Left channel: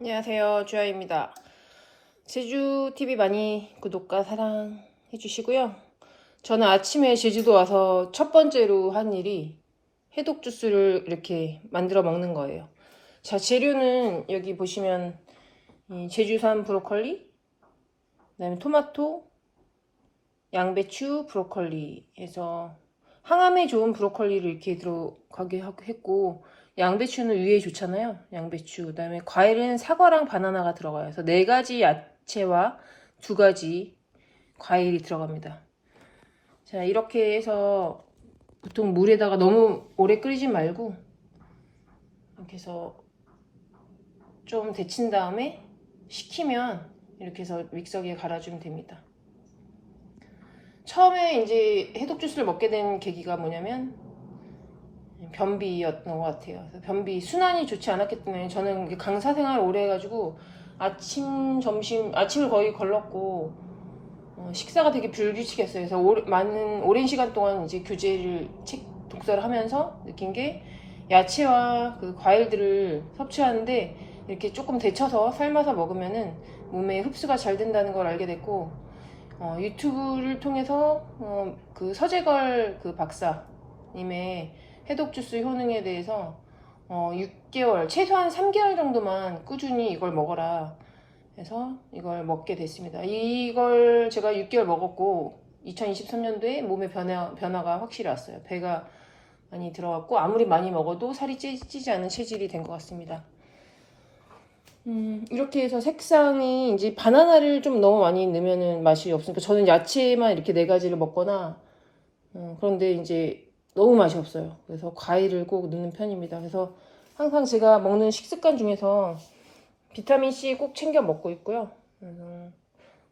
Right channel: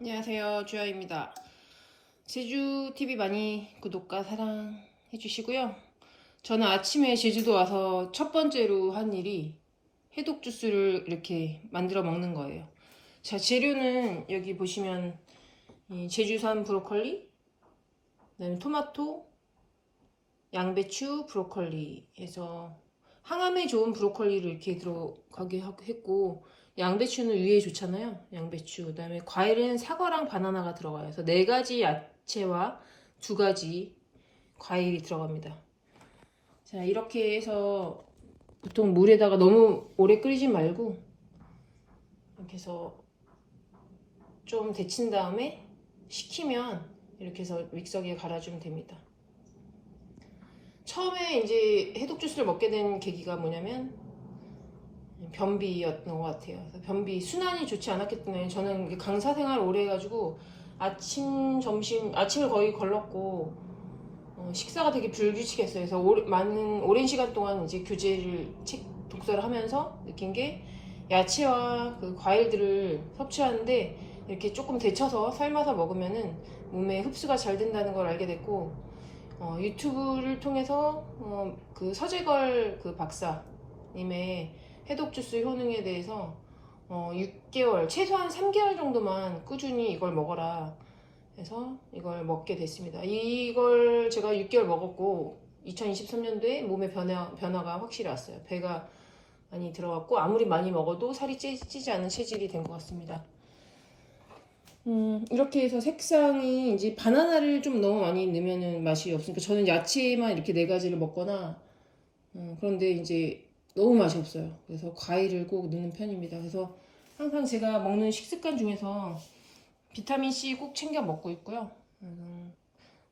안녕하세요, 주아입니다. 제주TV 많이 구독과 사랑해 주시고요. 저는 아침에 제주도 와서 첫 번째로 한 일이 해독 주스를 이렇게 만들어 먹는 거예요. 자, 재료는 여기 보시면 제주산 브로콜리, 그다음에 토마토, 양배추, 브로콜리 해서 항암에 좋은 브로콜리를 이렇게 들어가게 했고, 양배추는 위에 좋잖아요. 양배추. 그다음에 과일은 사과랑 바나나가 들어가요. 그래서 4가지 야채와 2가지 과일이 들어갑니다. 자, 이렇게 해서 보통 물에다가 너무 오래 끓이지 말고 이렇게 해서 좀 데친 다음에 식히면 이렇게 해서 믹서기에 갈아주면 됩니다. 처음에 이제 해독 주스를 먹게 된 계기가 뭐냐면 변비였던 것 같아요. 그래서 변비 순환이 좋지 않았기 때문에 저는 강사 생활을 오래 해가지고 아침, 점심, 아침을 거의 걸렀고 식사가 되게 불규칙했어요. 그래서 오랜 시간 동안 이제 교재를 독서를 하면서 느낀 게 야채와 그 과일들을 섭취하는데 이렇게 조금 데쳐서 삶아서 먹으면은 몸에 흡수가 잘 된다는 걸 알게 됐고 유튜브를 통해서 그 서재걸 그 박사님의 해독 주스 효능에 대해서 6개월, 최소한 3개월 정도만 꾸준히 이걸 먹어라 해서 이걸 먹게 됐습니다. 이걸 제가 6개월 먹었고 2023년도에 몸의 변화가 확실히 왔어요. 배가 많이 들어갔고 아무리 많이 먹어도 살이 찌지 않는 체질이 된 것 같습니다. 이렇게 해서 색상이 이제 바나나를 좀 너무 많이 넣으면 맛이 없으니까 저는 야채만 이렇게 4가지를 먹거나 그런데 이제 너무 맛이 없어요. 그래서 과일을 꼭 넣는 편입니다. 그래서 항상 제가 먹는 식습관 중에서 비타민C 꼭 챙겨 먹고 있고요.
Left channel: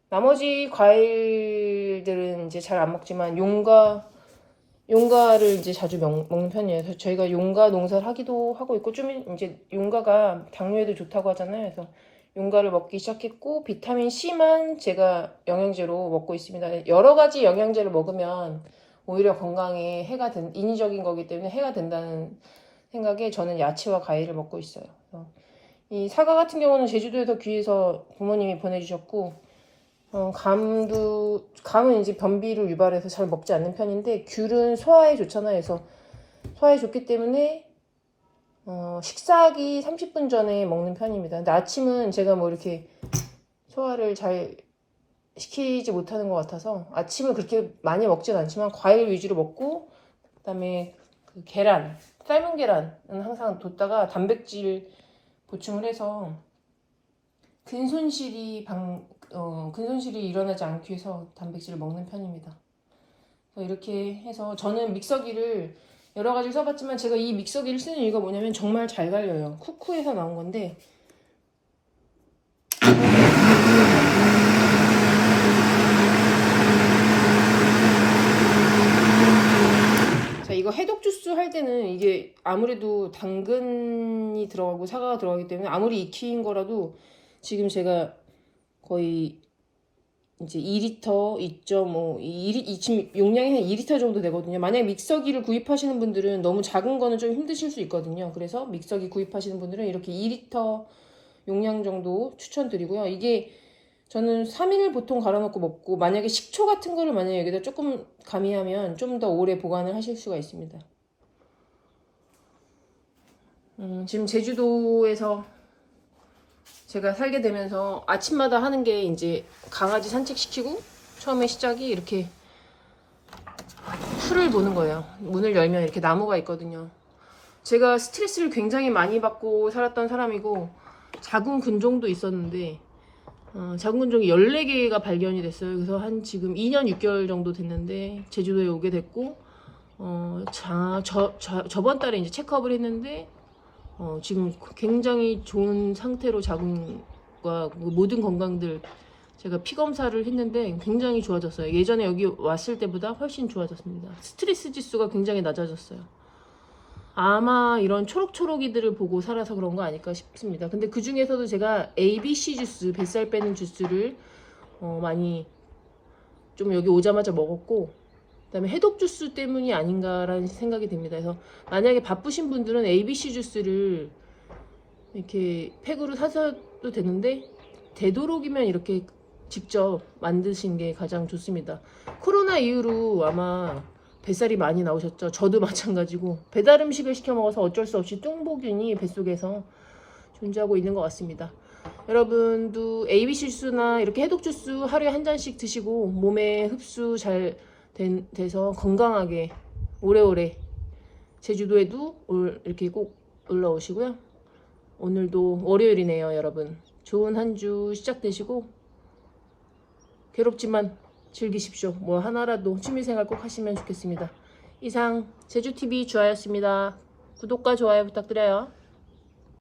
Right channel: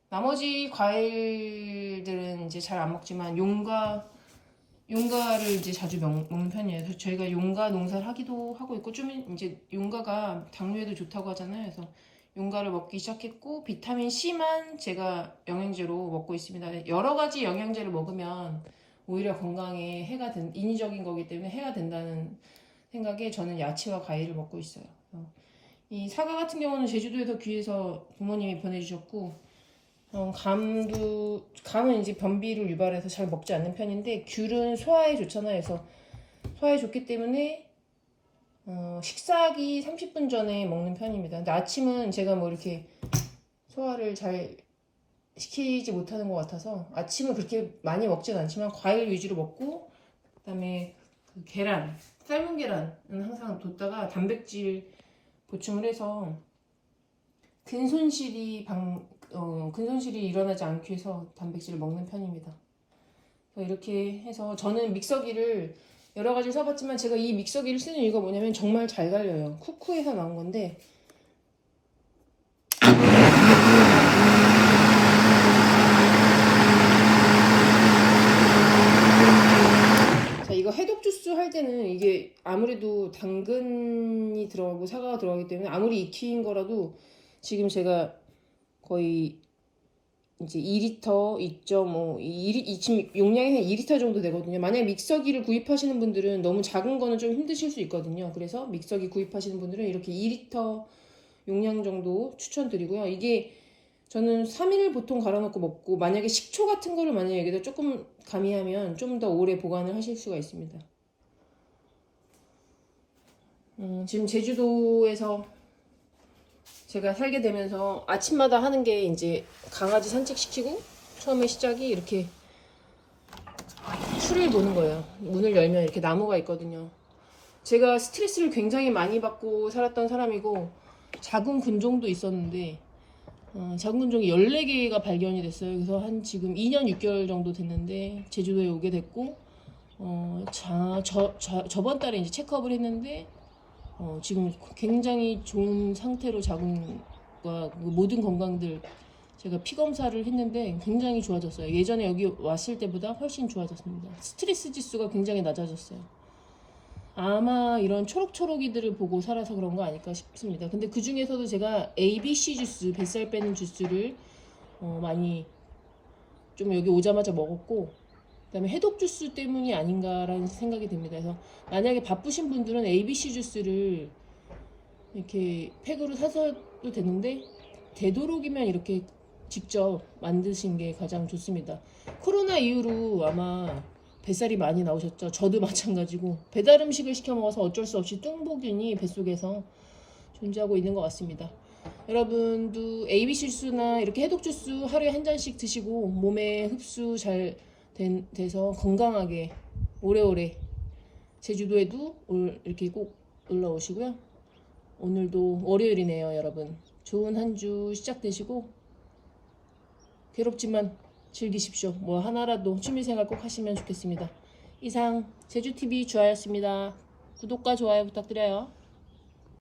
나머지 과일들은 이제 잘 안 먹지만 용과를 이제 자주 먹는 편이에요. 그래서 저희가 용과 농사를 하기도 하고 있고 좀 이제 용과가 당뇨에도 좋다고 하잖아요. 그래서 용과를 먹기 시작했고 비타민 C만 제가 영양제로 먹고 있습니다. 여러 가지 영양제를 먹으면 오히려 건강에 인위적인 거기 때문에 해가 된다는 생각에 저는 야채와 과일을 먹고 있어요. 이 사과 같은 경우는 제주도에서 귀해서 부모님이 보내주셨고 감은 이제 변비를 유발해서 잘 먹지 않는 편인데 귤은 소화에 좋잖아요. 그래서 소화에 좋기 때문에 식사하기 30분 전에 먹는 편입니다. 근데 아침은 제가 뭐 이렇게 소화를 잘 시키지 못하는 것 같아서 아침을 그렇게 많이 먹진 않지만 과일 위주로 먹고 그다음에 그 계란, 삶은 계란은 항상 뒀다가 단백질 보충을 해서 근손실이 일어나지 않기 위해서 단백질을 먹는 편입니다. 이렇게 해서 저는 믹서기를 여러 가지 써봤지만 제가 이 믹서기를 쓰는 이유가 뭐냐면 정말 잘 갈려요. 쿠쿠에서 나온 건데 자, 이거 해독 주스 할 때는 이게 아무래도 당근이 들어가고 사과가 들어가기 때문에 아무리 익힌 거라도 지금 제가 거의 이제 2리터, 2.5, 지금 용량이 한 2리터 정도 되거든요. 만약에 믹서기를 구입하시는 분들은 너무 작은 거는 좀 힘드실 수 있거든요. 그래서 믹서기 구입하시는 분들은 이렇게 2리터 용량 정도 추천드리고요. 이게 저는 3일 보통 갈아놓고 먹고 만약에 식초 같은 거를 만약에 여기다 조금 가미하면 좀 더 오래 보관을 하실 수가 있습니다. 지금 제주도에서 제가 살게 되면서 아침마다 하는 게 이제 강아지 산책시키고 처음에 시작이 이렇게 풀을 보는 거예요. 문을 열면 이렇게 나무가 있거든요. 제가 스트레스를 굉장히 많이 받고 살았던 사람이고 자궁 근종도 있었는데 자궁 근종이 14개가 발견이 됐어요. 그래서 한 지금 2년 6개월 정도 됐는데 제주도에 오게 됐고 저번 달에 이제 체크업을 했는데 지금 굉장히 좋은 상태로 자궁과 모든 건강들 제가 피 검사를 했는데 굉장히 좋아졌어요. 예전에 여기 왔을 때보다 훨씬 좋아졌습니다. 스트레스 지수가 굉장히 낮아졌어요. 아마 이런 초록초록이들을 보고 살아서 그런 거 아닐까 싶습니다. 근데 그 중에서도 제가 ABC 주스, 뱃살 빼는 주스를 많이 좀 여기 오자마자 먹었고, 그다음에 해독 주스 때문이 아닌가라는 생각이 듭니다. 그래서 만약에 바쁘신 분들은 ABC 주스를 이렇게 팩으로 사셔도 되는데, 되도록이면 이렇게 직접 만드신 게 가장 좋습니다. 코로나 이후로 아마 뱃살이 많이 나오셨죠. 저도 마찬가지고 배달 음식을 시켜 먹어서 어쩔 수 없이 뚱보균이 뱃속에서 존재하고 있는 것 같습니다. 여러분도 ABC 주스나 이렇게 해독 주스 하루에 한 잔씩 드시고 몸에 흡수 잘 돼서 건강하게 오래오래 제주도에도 이렇게 꼭 올라오시고요. 오늘도 월요일이네요, 여러분. 좋은 한 주 시작되시고 괴롭지만 즐기십시오. 뭐 하나라도 취미생활 꼭 하시면 좋겠습니다. 이상 제주TV 주아였습니다. 구독과 좋아요 부탁드려요.